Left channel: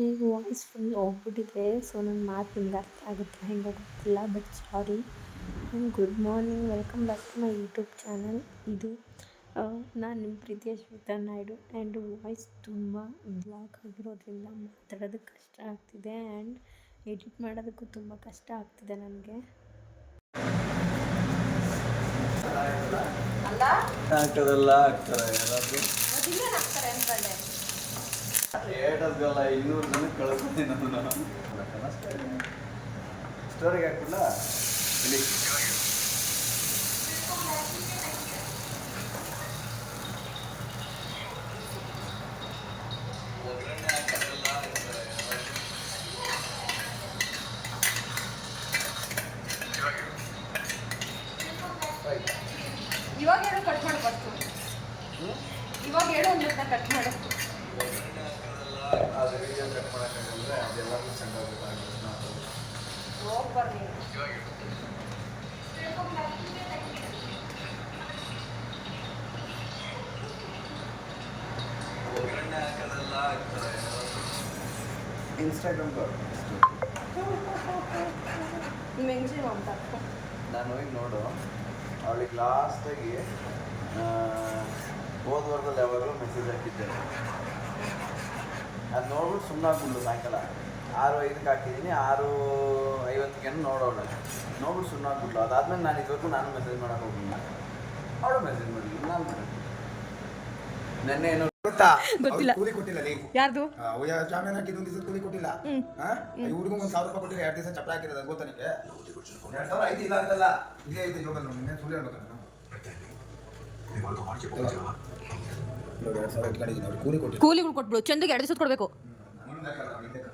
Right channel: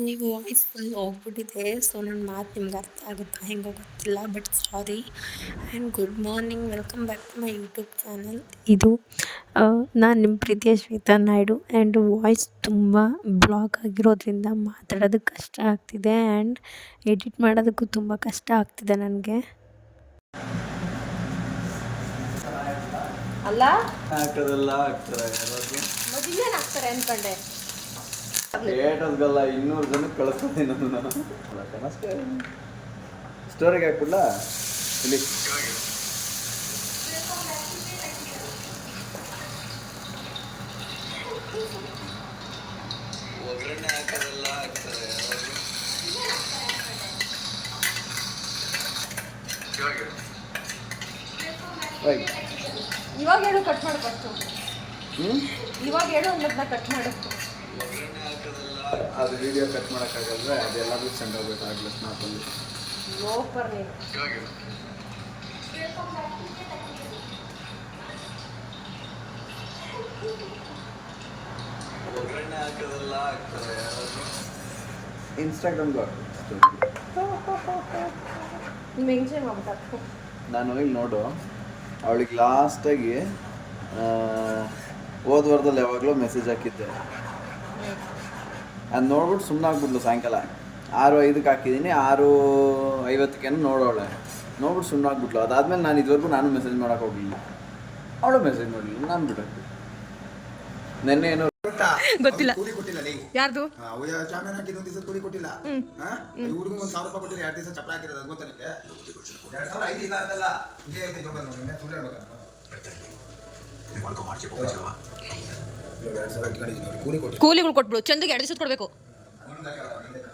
Actually voice full ಹೋಗ್ಬಿಟ್ಟಿದೆ. So ನನ್ನ ಮಾತು ನಿಮ್ಗೆ ಅರ್ಥ ಆಗುತ್ತಾ ಹೆಂಗೋ ಗೊತ್ತಿಲ್ಲ but sorry and good morning welcome back to my YouTube channel ಇದು ನಾನು ನಿಮ್ಮ ಪ್ರೀತಿಯ ಶ್ವೇತಾ ನಾಯ್ಡು ಆ್ಯಂಡ್ ವಾಯ್ಸ್ ತುಂಬ ಬ್ಲಾಕ್ ಆಗಿರೋದ್ರಿಂದ ಮಾತಾಡೋದಕ್ಕೆ ಕಷ್ಟ ಆಗ್ತಿದೆ ಆ್ಯಂಡ್ ಎಡಿಟ್ ಮಾಡೋದಕ್ಕೂ ತುಂಬ ಕಷ್ಟ ಆಗ್ತಿದೆ ನನಗೆ. ಅಲ್ಲ? ಆಗ್ತದಲ್ಲ ಆಗ್ತಾರೆ ಯಾರಾದ್ರು ಏಟದ್ಗಲ್ಲ ಇನ್ನೂರು ಜನ ಕಳಿಸ್ತೀನಿ ನಾನು. ಸ್ಟೋರಿಗೆ ಹಾಕಿಲ್ಲ ಇಲ್ಲಿ. ಇವಾಗ ಹೇಳು ಕಟ್ ಮಾಡಿ? ಇವಾಗ ಹೇಳು ಅನ್ನೋದನ್ನ ಕಟ್ ಮಾಡಕ್ಕೆ ಅದು ವಿಡಿಯೋ ಕಟ್ ಮಾಡೋಕ್ಕಾಗಲ್ಲ ಅದೆಲ್ಲದೂ ಚೆಂದ ಬೇಕಾಗಲ್ಲ ನೀನು ಇನ್ಸ್ಟಾಗ್ರಾಮ್ ಮೆನ್ಷನ್ ಅಂತ ನಾನು ಇಲ್ಲಿ ನೋಡು. ಅವಳಿಗೆ ಲಾಸ್ಟಾಗಿ ಹೋದ ವಾರದಲ್ಲಿ ಯಾವಾಗಲೂ ಮೆಸೇಜ್ ಹಾಕಿದ್ದೆ. ನಾನು ನೋಡ್ಬಿಟ್ಟು ಸುಮ್ಮನೆ ಆಗ್ಬಿಡ್ಲು ಸಾಯಂಕಾಲ. ಆರು ಐದಕ್ಕೆ ಹಾಕಿದ್ದೀನಿ ಆರು ಐವತ್ತಕ್ಕೇನು ನೋಡೋಳೆ. ನೋಡ್ಬಿಟ್ಟು ಸುಮ್ಮನೆ ಆಗ್ಬಿಟ್ಲು ಅದಾದ್ಮೇಲೆ ನಾನು ಇದುವರೆಗೂ ನಾನು ಮೆಸೇಜ್ ಮಾಡೋಕೆ ಹೋಗಿಲ್ಲ ಅವಳು ಮೆಸೇಜ್ ಮಾಡಿಲ್ಲ ನಾನು ಬಿಡು ನೆನ್ನೆ ಏನೋ ಗೊತ್ತಾ? ಗೊತ್ತಿಲ್ಲ. ಕೂಲಿ ಕೊಟ್ಟಿಲ್ಲ ನೀ. ಯಾರ್ದು? ಜಾಮೀನು ಹಾಕಿದ್ದು ಒಂದು ದಿವಸ ಕೂಲಿ ಕೊಟ್ಟಿಲ್ಲ. ಇವ್ರಿಗೂ ಒಂದು ಸಾವಿರ ರೂಪಾಯಿ ಕೊಟ್ಟಿಲ್ಲ ಎರಡು ದಿವಸ ಚಪ್ರ ಹಾಕಿರೋದು ಗೊತ್ತಾ ನಿಮಗೆ ಎರಡು ಸಾವಿರ ಐದು ಇಲ್ಲ ಅಂತಲ್ಲ. ಇದೇ ಐದು ಸುಳ್ಳು ಹೇಳ್ಬೇಕಂತ. ಕೂಲಿಗಳು ಕೊಟ್ಬಿಡು, ಚಂದಗೆ ಎರಡು ದಿವಸ ಕೊಡಬೇಕು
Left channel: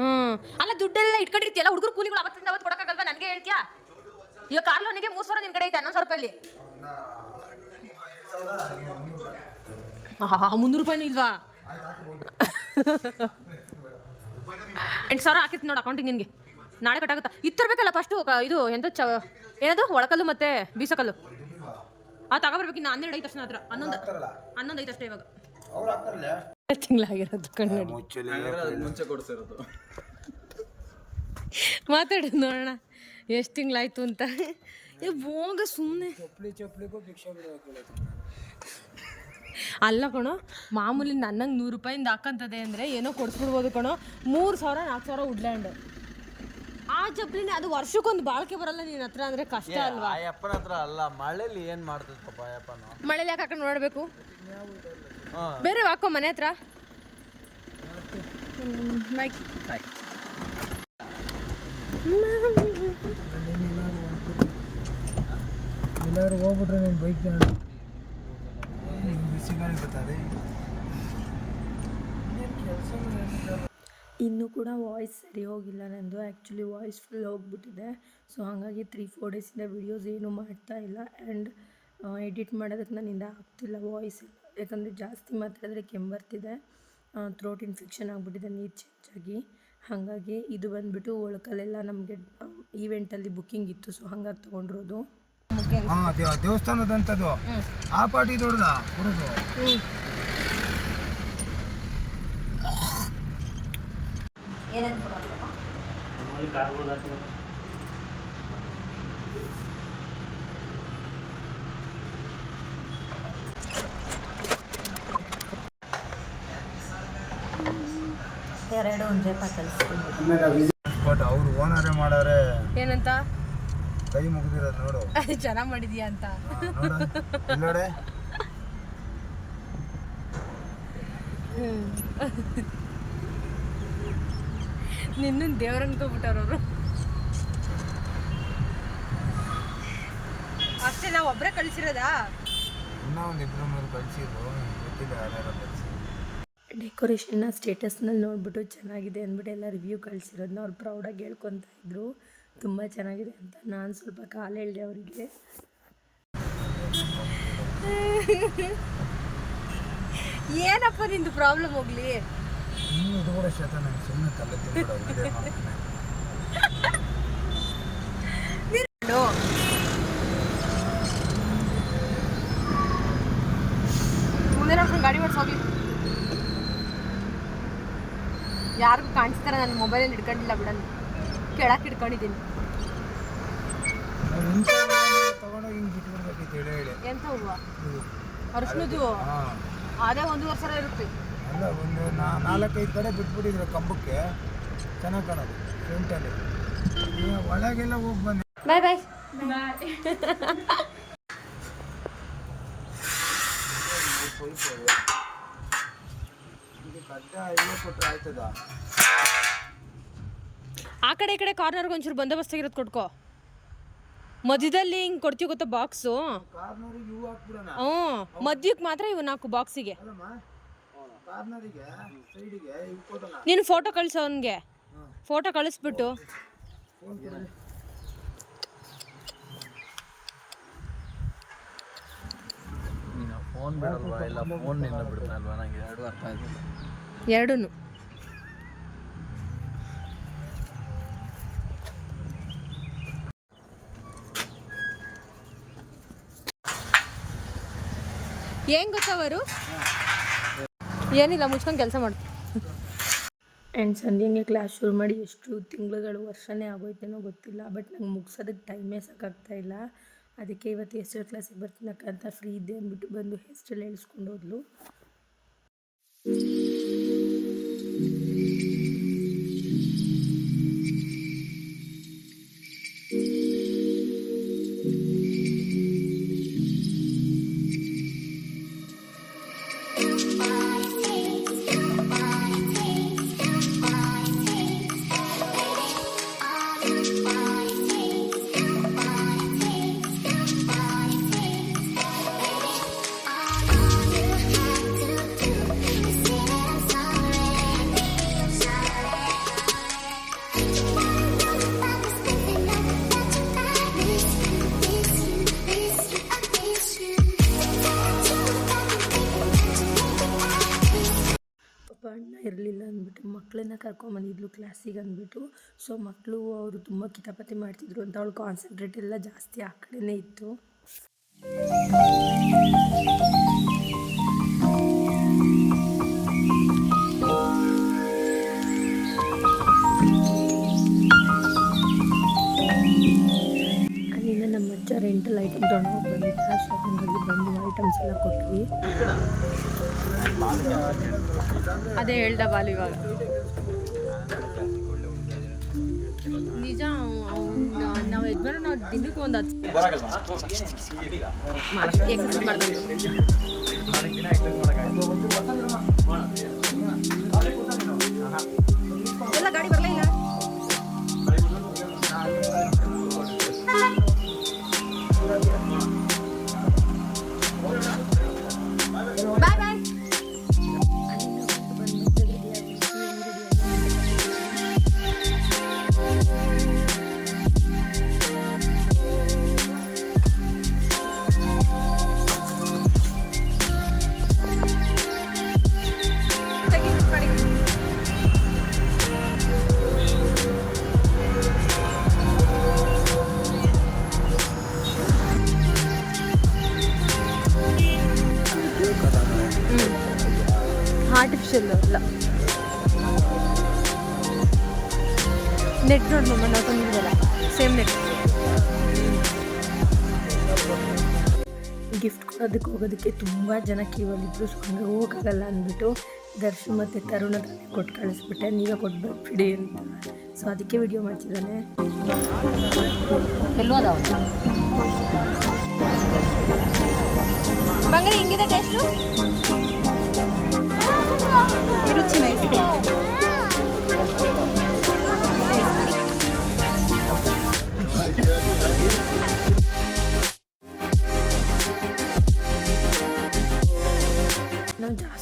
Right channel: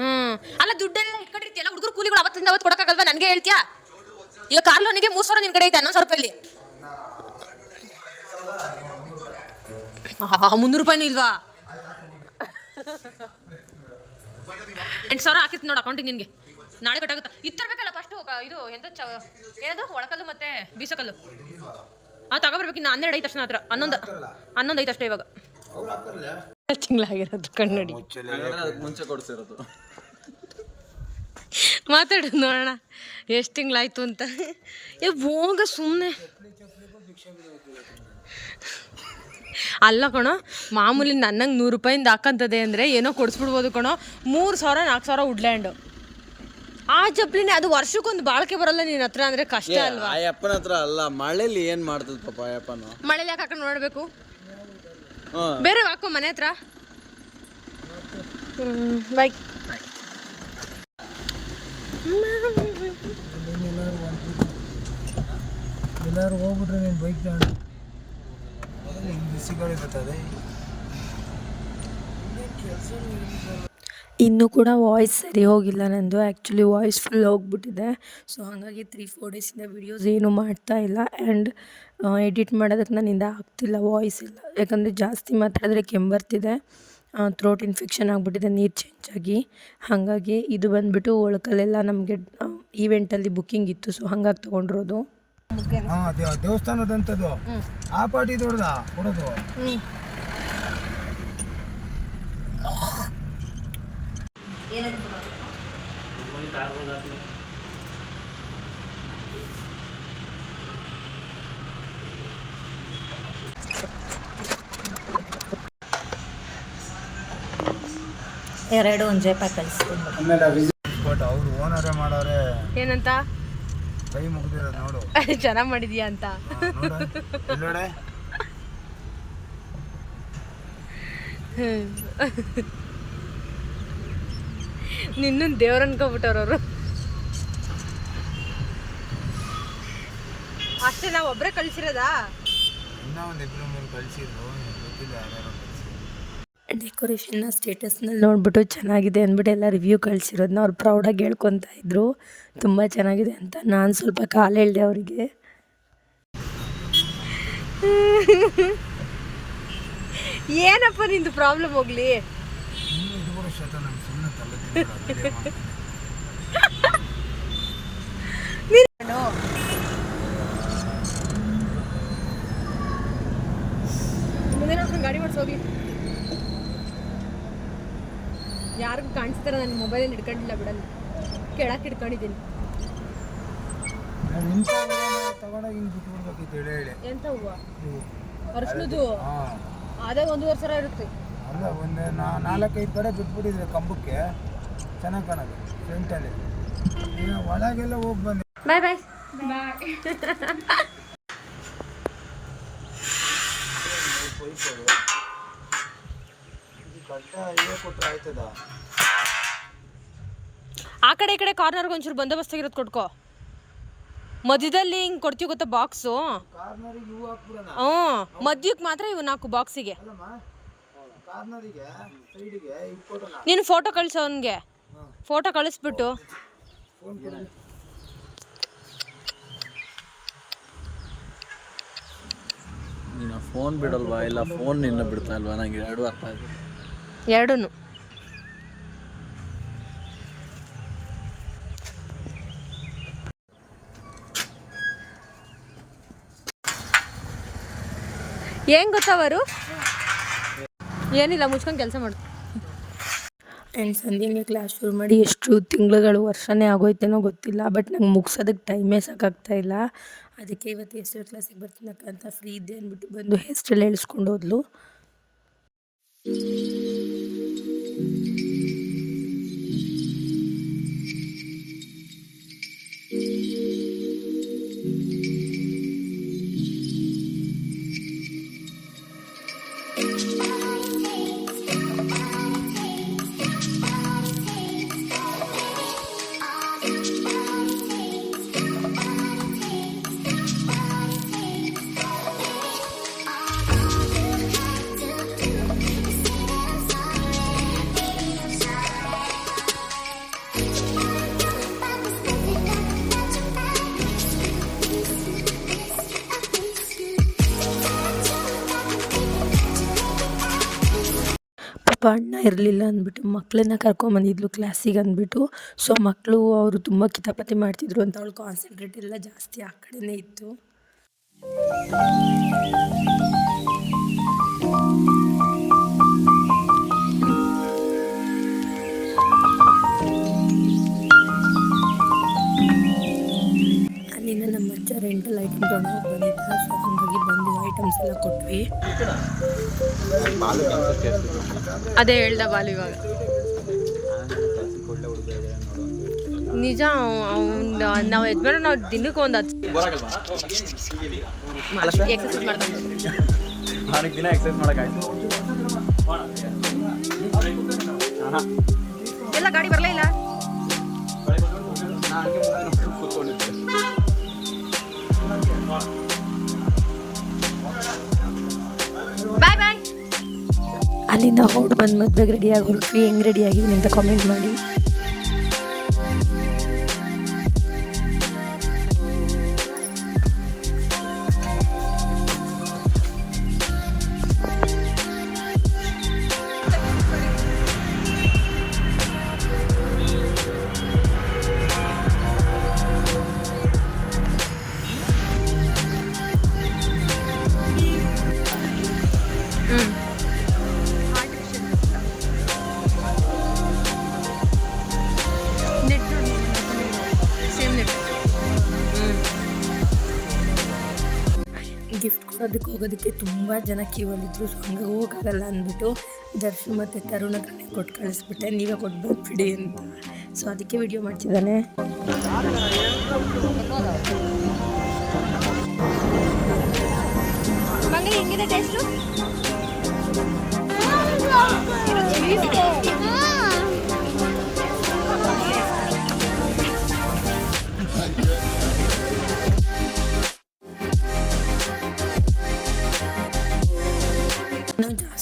ಹ್ಮ್. ಅಲ್ಲ ದುಡ್ಡೆಲ್ಲ ಇಟ್ಕೊಂಡಿರ್ತೀಯಲ್ಲ, ಹುಡುಗರು ಕೂಲಿಗಳು ಅವತ್ತಿಂದ ಅವತ್ತು ಕೊಡಕ್ಕಾಗಲ್ವಾ? ನನಗೆ ಹೇಳ್ತೀಯಾ? ಈಗ ಕಾರ್ ಲೋನಿಗೆ ಮೂರು ಸಾವಿರ ನಿನ್ ಕಡೆ ಐತೆ, ಹನ್ನೊಂದು ಸಾವಿರ ರೂಪಾಯಿ ಮುನ್ನೂರು ರೂಪಾಯಿನೂ ಇಲ್ವಾ? ಎಂಟು ಸಾವಿರ ಹಾಕಿತ್ತು ನೋಡು ಅಕೌಂಟಿಗೆ ನಿನಗೆ. ನಾಳೆ ಕಟ್ಟಾಗುತ್ತಾ? ಇತ್ತು ತರಬೇಕಲ್ಲ ಫಸ್ಟು ಇದು ಎಂತ ಚ, ಏನದು? ಒಳಕಲ್ಲು ಮತ್ತೆ ಬೀಸಕಲ್ಲು. ಆ, ತಗೋಬರ್ಬೇಕು ಇನ್ನು ಹನ್ನೆರಡು ಐತೆ ಅಷ್ಟೇ ಹತ್ರ ಹನ್ನೊಂದು ಹನ್ನೊಂದು ಐತೆ ಅಷ್ಟೇ ಇವಾಗ. ತಿಂಗಳಾಗಿರೋದು ಕಣ್ಣಡಿ. ಮುಂಚೆ ಕೊಡಿಸಿರೋದು ಮಾತಾಡು ನೋಡೋಣ ಎಷ್ಟು ತಿಂಗಳಾಯ್ತು ಅಂತ. ಏ ಹೋಗ ಸುಮ್ಮನೆ ಅಲ್ಲ ಕಣೋ ಮಾಮೂಲಿ ನನ್ನಂಗೆ ನೂರು ರೂಪಾಯಿಂದ ಹಾಕಂತದೆ ಅಂದರೆ ಏನೋ ಕೊಡಿಸ್ಬಿಡ್ಬೋದು ಕಣೋ. ಮೂರು ಸಾವಿರ ನಾಲ್ಕು ಸಾವಿರ ವುಡ್ಲ್ಯಾಂಡು ಆ ಚಪ್ಲಿನೇ ಅದು ವರ್ಷಕ್ಕೊಂದು ಬಾಳ್ಕೆ ಬರಲ್ಲ ನಿನ್ನ ಹತ್ರ ಅಂದರೆ ಕಷ್ಟ ಅಲ್ವಾ? ಅಯ್ಯಪ್ಪನ ಹತ್ರ ಅಲ್ಲ ಮಳೆಲಿ ಏನು ಮಾಡ್ತದೆ ಪಾಪ ಅಯ್ಯಪ್ಪನ ಮಳೇಲಿ ಯಾಕೆ ಹಾಕೊಂಡು ನೋಡಬೇಕು. ಬೇರೆ ಹಾಕೋ ಮನೆ ಹತ್ರ? ಬಾಯ್ ಎಲ್ಲರೂ ಹೋಗ್ಬಿಟ್ರೆ ನೀನು ಬೈಕ್ ಬರ್ತದೆ ಇನ್ನೂ ಕೂಡ ವಾಯ್ಸ್ ಸರಿ ಹೋಗಿಲ್ಲ ನಂದು. ಆ್ಯಕ್ಚುಲಿ ವಾಯ್ಸ್ ಫುಲ್ ಹೋಗ್ಬಿಟ್ಟಿದೆ. ಸೊ ಹಾಗಾಗಿ ತ್ರೀ ಫೋರ್ ಡೇಸಿಂದ ವೀಡಿಯೋಸ್ ಏನು ಮಾಡ್ತಾ ಇಲ್ಲ. ಆ್ಯಂಡ್ ಎಡಿಟ್ ಮಾಡೋದಕ್ಕೆ ನನ್ನಿಂದ ಆಗ್ತಿಲ್ಲ ವಾಯ್ಸ್ ಇಲ್ಲ. ಯಾಕಂದರೆ ಜಾಸ್ತಿ ಮಾತಾಡಿದ್ರೆ ಕೆಮ್ಮು ಥ್ರೋಟ್ ಇನ್ಫೆಕ್ಷನ್ ಆಗಿಬಿಟ್ಟಿದೆ ನೀರು ಚೇಂಜ್ ಆಗಿ. ಹಾಗಾಗಿ ಇದು ಬಂದುಬಿಟ್ಟು ಒಳಕಲ್ಲೆಲ್ಲ ನಮಗೆ ಈವೆಂಟಲ್ಲಿ ಬುಕ್ಕಿಂಗ್ ಇತ್ತು ಸೊ ಹಂಗಾಗಿ ತೊಗೊಂಡಿರೋದು. ದೇವಸ್ಥಾನದಂಥದ್ದು ಆ ಪಾಟಿ ದೊಡ್ಡದ? ಕೊಡೋದು? ಎರಡು ಒಂದು ಜೈಪಾಯ್ ಕಳಿಸ್ತೀನಿ ಆಮೇಲೆ ವಿಸಿಟ್ ಕೊಟ್ಟು ಅವ್ರು ಓನರೇ ಮಾಡಾರೆ. ಏನಂತ? ಕೈ ಮುಗಿದಿರೋದು ನೋಡು. ಚೆನ್ನಾಗಿ ಮಾಡಿದ್ಯಾ ಅಂತ. ನೋಡೆ. ನಿನ್ನ ದೇವ್ರ ಅನ್ಕೋಬಿಟ್ಟವ್ರವ್ರು ಅಷ್ಟೇ ನಾವು ಒಬ್ಬರೇ ಕಳಿಸಿರೋದಾ? ಇನ್ನೂ ಒಂದು ಇಬ್ಬರು ಮೂರು ಕಳಿಸಿದ್ರು. ಗೊತ್ತಿಲ್ಲ ಯಾರು ಡೆಕೋರೇಷನ್ನ ಸ್ಟೇಟಸ್ನಲ್ಲಿ ನೋಡಿಬಿಟ್ಟು ಚೆನ್ನಾಗಿದೆ ಅಂದ್ಬಿಟ್ಟು ಎಲ್ಲ ರಿವ್ಯೂ ಕಳಿಸಿರೋದನ್ನ ಅವ್ರು ಪ್ರೌಡಾಗಿ ಹೇಳ್ಕೊತಾ ಇದ್ರು. ತುಂಬ ಚೆನ್ನಾಗಿದೆ ಅಂತ ನಾನು ಸ್ವಲ್ಪ ಕಾಲು ಹೇಳಿದೆ ಅವರಿಗೆ. ಏನಪ್ಪ ನಿಂದು ಪ್ರಾಬ್ಲಮ್ ಹೋಗ್ಲಿ ನೀವು ಇದು ಕೂಡ ಶತ ನಮ್ಮ ಸುಮ್ಮನೆ ತಲೆ ತಿನ್ಬಿಡೋದು, video ಮಾಡ್ತೀನಿ. ಮುಂದೆ ಗಾಡಿ ಮಾಡಿಸ್ ಹೋಗ್ಲಿ ಯಾರಿಗೂ ಕಾಣಿಸ್ತಾರ ಮೊಬೈಲಲ್ಲಿ ಹಿಡ್ಕೊಂಡಿಲ್ಲ ಬಿಡ ಕೆಳಕ್ಕೆ ಹಿಡ್ಕೊಂಡಿದ್ದೀನಿ. ತಗೊಂಡೋಗಿ ಹಿಂಗೆ ಬಿಟ್ಬಿಡ್ಬೇಕಿತ್ತು ಹೇಳಿ ಹೇಳಿ ಎಂತ ಹೂವ. ಅರ್ಶಿನದು ಅದೇ ಒಂದೂವರೆ ಸಾವಿರ ಇರುತ್ತೆ. ಅಲ್ಲ ಒಂದು ನಾಲ್ಕೈದು ಕಡೆ ಬಿಟ್ಬಿಟ್ಟಿದ್ರು ಕಂಬಕ್ಕೆ. ಚೆನ್ನಾಗಿ ಕಾಣೋದು ಫ್ರಂಟಲ್ಲಿ ಈಗ ಒಳಗೆಲ್ಲ ಹೋಗಿ ಬಂದೆ ಬಾಯ್ ಬಾಯ್ ಇದು ಕಡ್ಡ ಹೀಗೆ ಕೊಟ್ಟರೆ ಆಯ್ತದ? ಆ ಕಡೆ ಈ ಕಡೆ ಕಾರ್ನರ್ಗೆ ಒಂಚೂರು ಬಂದೋಬಸ್ತಾಗಿರೋದು ಕೊಟ್ಕೋ. ಮಧ್ಯದಲ್ಲಿ ಹಿಂಗೆ ಕೊಡ್ತೀವಿ ಗೊತ್ತಾ ಬಾಕ್ಸು ಹ್ಞೂ ಮಧ್ಯಕ್ಕೆ ಮಾತ್ರ ಇವು ನಾಲ್ಕು ಬಾಕ್ಸಿಗೆ ನೀನು ಫೋಟೋ ಕಳಿಸೋ ಅವನಿಗೆ. ಫೋಟೋ ಕಳಿಸ್ಬಿಟ್ಟು. ಫೋನ್ ಕೊಡಿ. ನೀನು ಫೋನ್ ಬಿಡಲ್ವಾ? ಇಲ್ಲ ಫೋನ್ ನಿನ್ನ ಬಿಡ್ತಾ ಇಲ್ವಾ? ನನಗೆ ಎರಡು ಅರ್ಥ ಆಯ್ತು ಎರಡೂ ಏನ್ ಗೊತ್ತವರು? ಏನಿಲ್ಲ, ಮುಚ್ಕೊಂಡು ಕೆಲಸ ಮಾಡ್ತಾರೆ ಆ್ಯಂಡ್ ಸಂಧ್ಯಂಗೆ ಕ್ಲಾಸ್ ಶುರು ಮಾಡಿ ಎಷ್ಟು ತಿಂಗಳುಗಳು, ವರ್ಷನೇ ಆಗೋಯ್ತೇನೋ ಗೊತ್ತಿಲ್ಲ ಬಟ್ ನಂಗೆ ಮುಗ್ಸೋದಕ್ಕೆ ಟೈಮೇ ಸಾಕಾಗ್ತಾಯಿಲ್ಲ ಅದಕ್ಕೆ ಇವತ್ತು ಹೆಸ್ರು ಕ್ಲಾಸಿಗೆ ಬರ್ತೀನಕ್ಕ ಅಂತ ಫ್ರೀ ಇದ್ದೆ ಅಂದ್ಬಿಟ್ಟು ಬಂದು ಹೆಸ್ರಲ್ಲಿ ಹೇಳಿಸ್ಕೊಂಡು ಹೋದ್ಲು. ಪಾಪ ಅಣ್ಣ ಇರಲಿಲ್ಲ ಅಂದ್ಬಿಟ್ಟು ಮಕ್ಕಳನ್ನ ಕರ್ಕೊಂಬಂದಿದ್ಲು ಕ್ಲಾಸಿಗೆ ಅಂದ್ಬಿಟ್ಟು. ಸೊ ಮಕ್ಕಳು ಅವರು ತುಂಬ ಕಿತಾಪತಿ ಮಾಡ್ತಿದ್ರು ಅಂತ ಅವಳು ಕಾನ್ಸಂಟ್ರೇಟ್ ಎಲ್ಲ ಜಾಸ್ತಿ ಆ ಕಡೆನೇ ಇತ್ತು. ರೆಂಟಲ್ ಐಟಮ್ ತೊಗೊಂಡೋಗಿ ಬಂದಿದ್ದ ಸೊ ಹಾಗಾಗಿ ಬಂದು ಐಟಮ್ಸ್ ಎಲ್ಲ ಕೊಟ್ವಿ. ಅದೇ ಹೇಳ್ದ ಬಾಲು ಇವಾಗ. ನಿಜ ನಾವು ಯಜಮಾನ ನಾವು ದಿನಕ್ಕೆ ಒಂದು ಹತ್ತು ಎಕ್ಸಸೈಸ್ ಮಾಡ್ಕೊಂಡು ಮದುವೆಗೆ ರೆಡಿ ಆಗೋದ್ವಿ ಹೆಂಗೆ ರೆಡಿ ಆಗಿದ್ದೀನಿ ಅಂತ ಕಾಮೆಂಟ್ ಮಾಡಿ ಹೋಗೋದಕ್ಕೆ ತುಂಬ ಜನ ಕ್ಯೂವಲ್ಲಿದ್ದರು ಸೊ ಹಂಗೆ ಹೋಗೋಕ್ಕಾಗಲ್ಲ ಅಂದ್ಬಿಟ್ಟು ದರ್ಶು ಮತ್ತು ತರುಣ ತಾನೇ ಕೊಟ್ಟು ಕಳಿಸ್ಬಿಟ್ಟೆ. ನೀವೇ ಕೊಟ್ಟು ಬರ್ಬಿಡಿ ಅಂತ. ಸೊ ಅದಕ್ಕೆ ವಿಡಿಯೋ ಮಾಡ್ತಿದ್ದಾನೆ. ಹೆಂಗಿದೆ ಟೇಸ್ಟು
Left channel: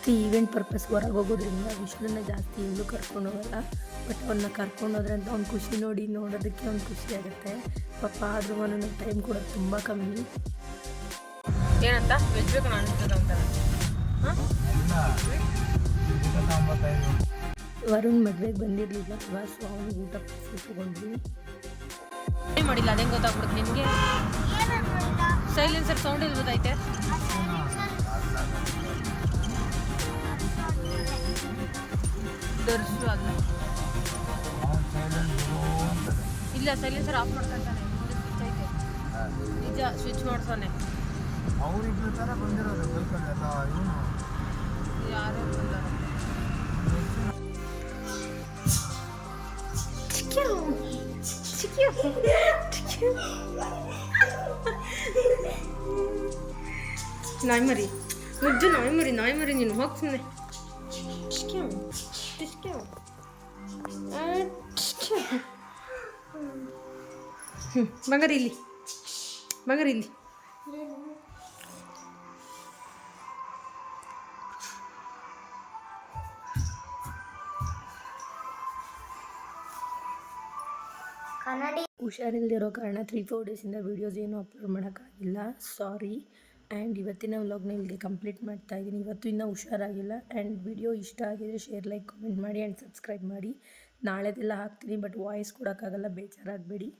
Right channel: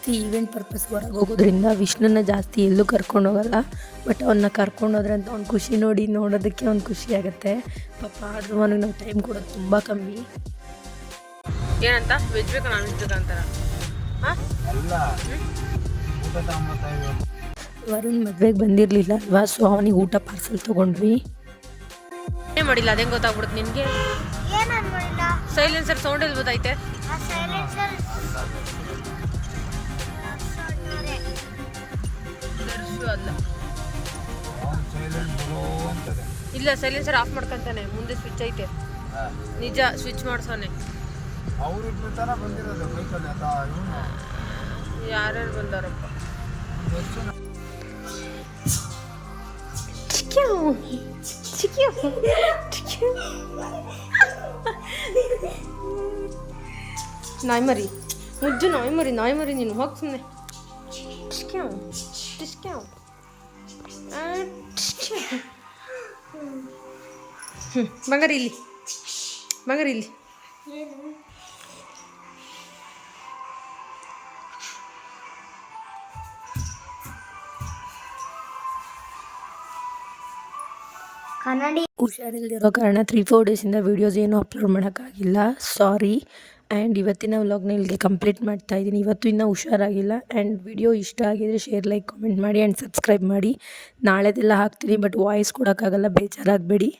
ಜಾಸ್ತಿ ಈವೆಂಟ್ ಪರ್ಪಸ್ ಹೊರಗೆ ಹೋಗೋದ್ರಿಂದ ವಿಷ್ಣುನ ಜಾಸ್ತಿ ಎಲ್ಲೂ ಕರ್ಕೊಂಡು ಹೋಗಲ್ಲ. ಬಟ್ ಅವನ್ನ ಕರ್ಕೊಂಡು ಹೋದ್ರೆ ಅಂತ ಅವ್ನು ಖುಷಿ ನೋಡಿ ನೋಡೋದಕ್ಕೆ ಅವ್ನು ಖುಷಿ ಆಗುತ್ತೆ. ಪಾಪ ಆದರೂ ಅವನಿಗೆ ನಾವು ಟೈಮ್ ಕೊಡೋದು ತುಂಬ ಕಮ್ಮಿ. ಏನಂತ? ವೆಜ್ ಬೇಕು ನಾನ್ ವೆಜ್ ಬೇಕಾ ಅಂತ ವರುಣ್ ಮದ್ವೆಗೆ ಬಂದಿರಲಿಲ್ಲ ಅಲ್ವಾ? ಸೊ ಅವನಿಗೆ ಊಟ ಪಾರ್ಸಲ್ ತೊಗೊಂಡ್ವಿ. ಏನೇ ಮಾಡಿಲ್ಲ? ಅದೇ ಗೊತ್ತಾಗ್ಬಿಡುತ್ತೆ ನಿನಗೆ? ಸೈಲೆನ್ಸರ್ ಸೌಂಡ್ ಎಲ್ಲಿ ಗೊತ್ತೈತೆ ಅಲ್ಲ ಇಲ್ಲ ಸೈಲೆನ್ಸರ್ ಆಫ್ ಮಾಡ್ಕೊಂತಾನೆ. ಮುಂದೆ ಸ್ವಿಚ್ ಐತೆ. ನಿಜ ಸ್ವಿಚ್ ಮಾಡ್ಸೋನೆ. ಯಾರ್ಯಾರು ಬಂದಾರಪ್ಪ? ನಾಯಿ ಮರಿ ಮುದ್ದು ನಾಯಿ ಮರಿ ನಾಯಿ ಮರಿ ನೀನು ಹೋಗಿ ಸುಮ್ಮನೆ ಟಿಸ್ಕ್ಯಾವ್ ಟಿಸ್ಕ್ಯಾವ್ ಬಂಗಾರಿ ಇಲ್ಲಿ ಬಂಗಾರಿ ಇಲ್ಲಿ ಹುಷಾರಿಲ್ದಿರೋ ಕಾರಣ ತ್ರೀ ಫೋರ್ ಡೇಸಿಂದ ವೀಡಿಯೋಸ್ ಏನೂ ಅಪ್ಲೋಡ್ ಮಾಡೋಕ್ಕಾಗಿಲ್ಲ ಸಾರಿ ಆ್ಯಂಡ್ ಇವತ್ತಿನ ವ್ಲಾಗ್ನ ಇಲ್ಲಿಗೆ ಕಂಪ್ಲೀಟ್ ಮಾಡ್ತಾ ಇದ್ದೀನಿ. ಇವತ್ತು ಇನ್ನೂ ಹುಷಾರಾಗಿಲ್ಲ. ಆ್ಯಂಡ್ ವಿಡಿಯೋ ಇಷ್ಟ ಆಗಿದರೆ ಶೇರ್, ಲೈಕ್, ಕಮೆಂಟ್ ಮಾಡಿ ಆ್ಯಂಡ್ ಸಬ್ಸ್ಕ್ರೈಬ್ ಮಾಡಿ. ನಾಳೆದೆಲ್ಲ ಹಾಕ್ತೀನಿ, ಬಟ್ ವಾಯ್ಸ್ ಕೊಡೋಕ್ಕಾಗಲ್ಲ, ಬೇಜಾರಾಗಬೇಡಿ.